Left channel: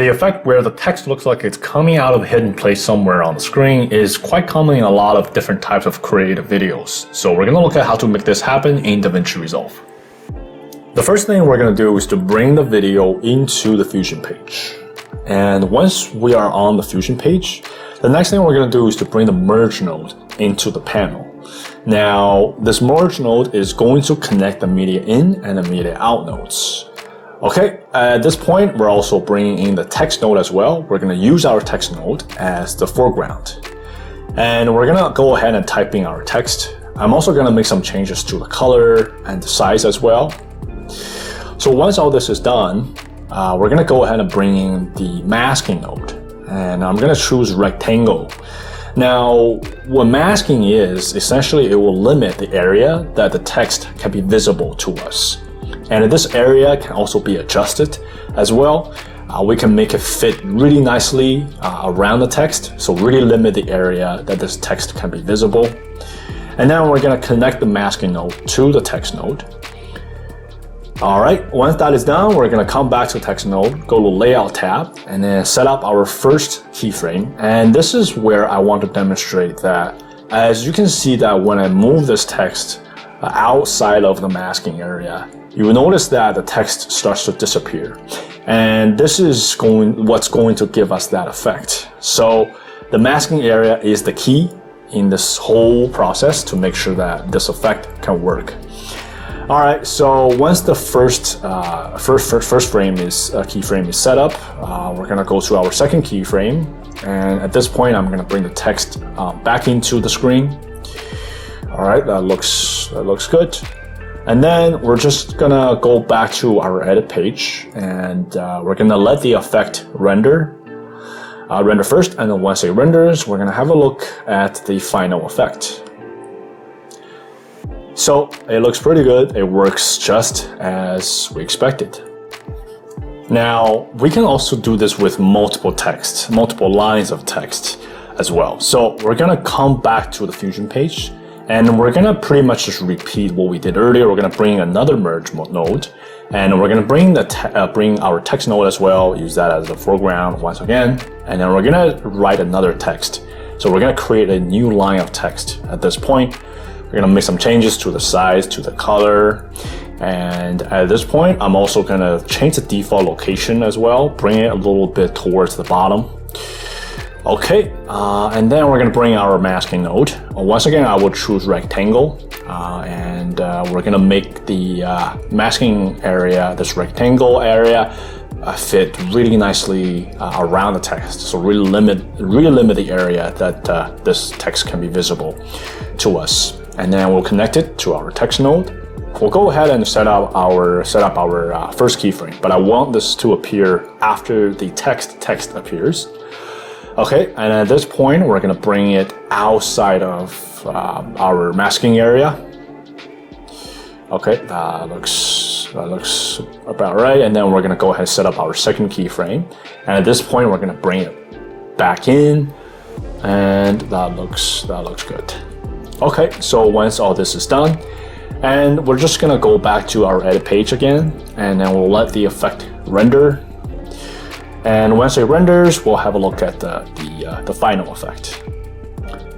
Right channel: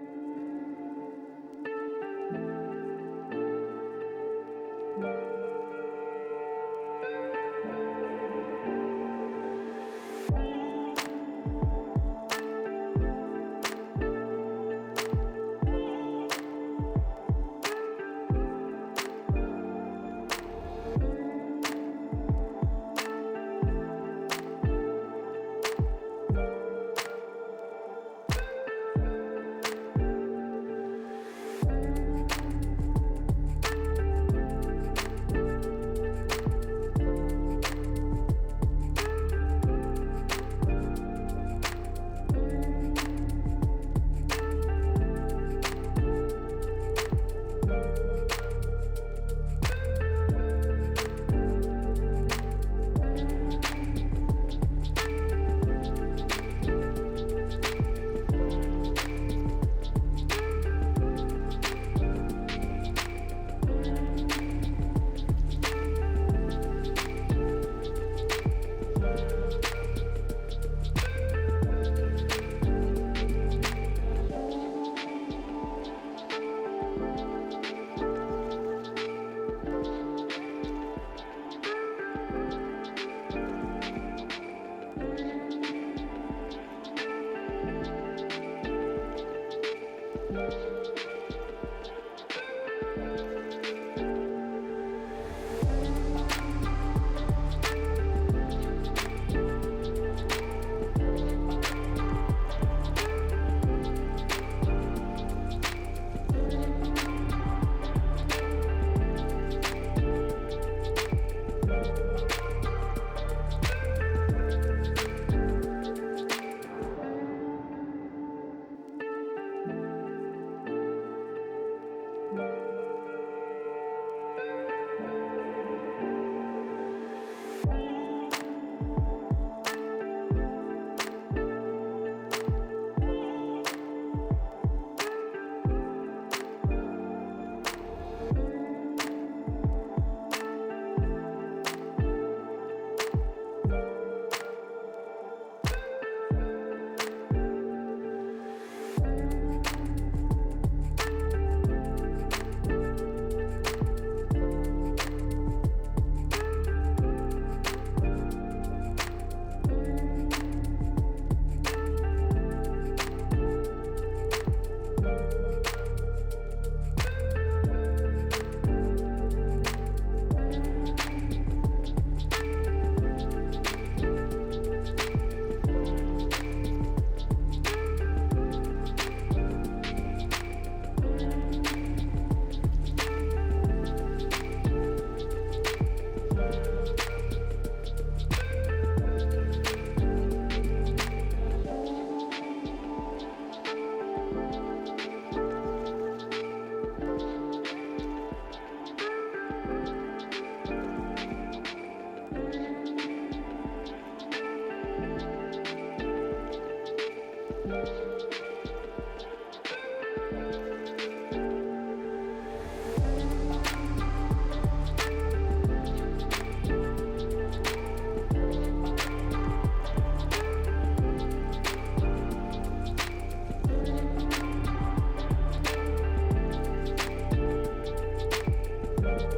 The effect where the text looks like it's coming out of a hidden place somewhere on the screen is quite common in a lot of different types of creative videos. So we're going to look at how to make this happen in DaVinci Resolve. The first thing we're going to do is to bring the video into the Fusion page. And once we are on the Fusion page, the next thing we're going to do is to bring the merge node into the panel. Now, this merge node is going to connect the media in and the media out nodes. Okay, at this point, we're also bringing in the text node as well. We're going to use our text node as the foreground. And we're going to go ahead and type in our text. I'm also going to make some changes to the color and the size as well. So once all this is done, we're going to go ahead and bring in the masking node. And I'm going to choose rectangle. Now, what masking is, essentially it will limit the area that the text can be visible to us. And this area can also be adjusted as well. We can make it fit really nicely around the text, so really limit the area that this text can be visible. And then we're going to connect the masking node to the text node. All right, once that is done, we're going to come back to the text node, go to Layout tab, and then set up our first keyframe. And this is where I want to demonstrate that, as you can see that when I move this text outside of the masking area, you will notice that the text starts to disappear. And this is what's going to give us that effect. So the masking area is the key in this whole process to make sure that this effect can work. All right, so once the first keyframe is set up, we're gonna go to our second keyframe. And at this point, I'm gonna bring the text back into the screen. All right, that looks good. And then we're just gonna go back to our edit page, and we're gonna let the effect render first. And then once it renders, we're gonna have a look at the final effect. So it looks pretty good. It works just as we expected. Now, we can also do this with multiple lines of text as well. So we're gonna come back to the Fusion page, and we're gonna pretty much just repeat what we did earlier. We're gonna bring another merge node, and we're gonna bring our text node as well, use that as the foreground once again, and then we're gonna write another text. So we're gonna create a new line of text at this point. We're gonna make some changes to the size, to the color, and at this point, I'm also gonna change the default location as well, bring it a little bit towards the bottom. Okay, and then we're gonna bring our masking node. Once again, I will choose rectangle, and we're gonna make the masking area, this rectangle area, fit really nicely around the text. So really limit the area that this text can be visible to us. And then we'll connect it to our text node. We'll go ahead and set up our first keyframe, but I want this to appear after the text appears. Okay, and at this point, we're gonna bring it outside of our masking area. Okay, that looks about right. And then we're gonna go ahead and set up our second keyframe. And at this point, we're gonna bring it back in, and that looks good. Okay, so once all this is done, and we're just gonna go back to our edit page again, and then we'll let the effect render. And once it renders, we'll have a look at the final effect.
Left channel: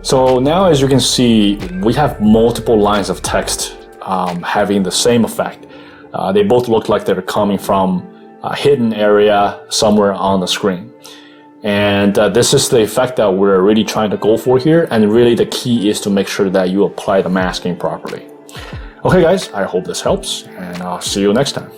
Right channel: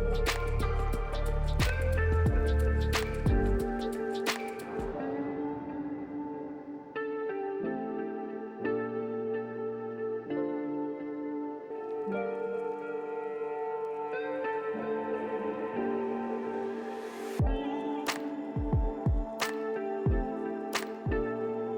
So now, as you can see, we have multiple lines of text having the same effect. They both look like they're coming from a hidden area somewhere on the screen. And this is the effect that we're really trying to go for here. And really the key is to make sure that you apply the masking properly. Okay guys, I hope this helps, and I'll see you next time.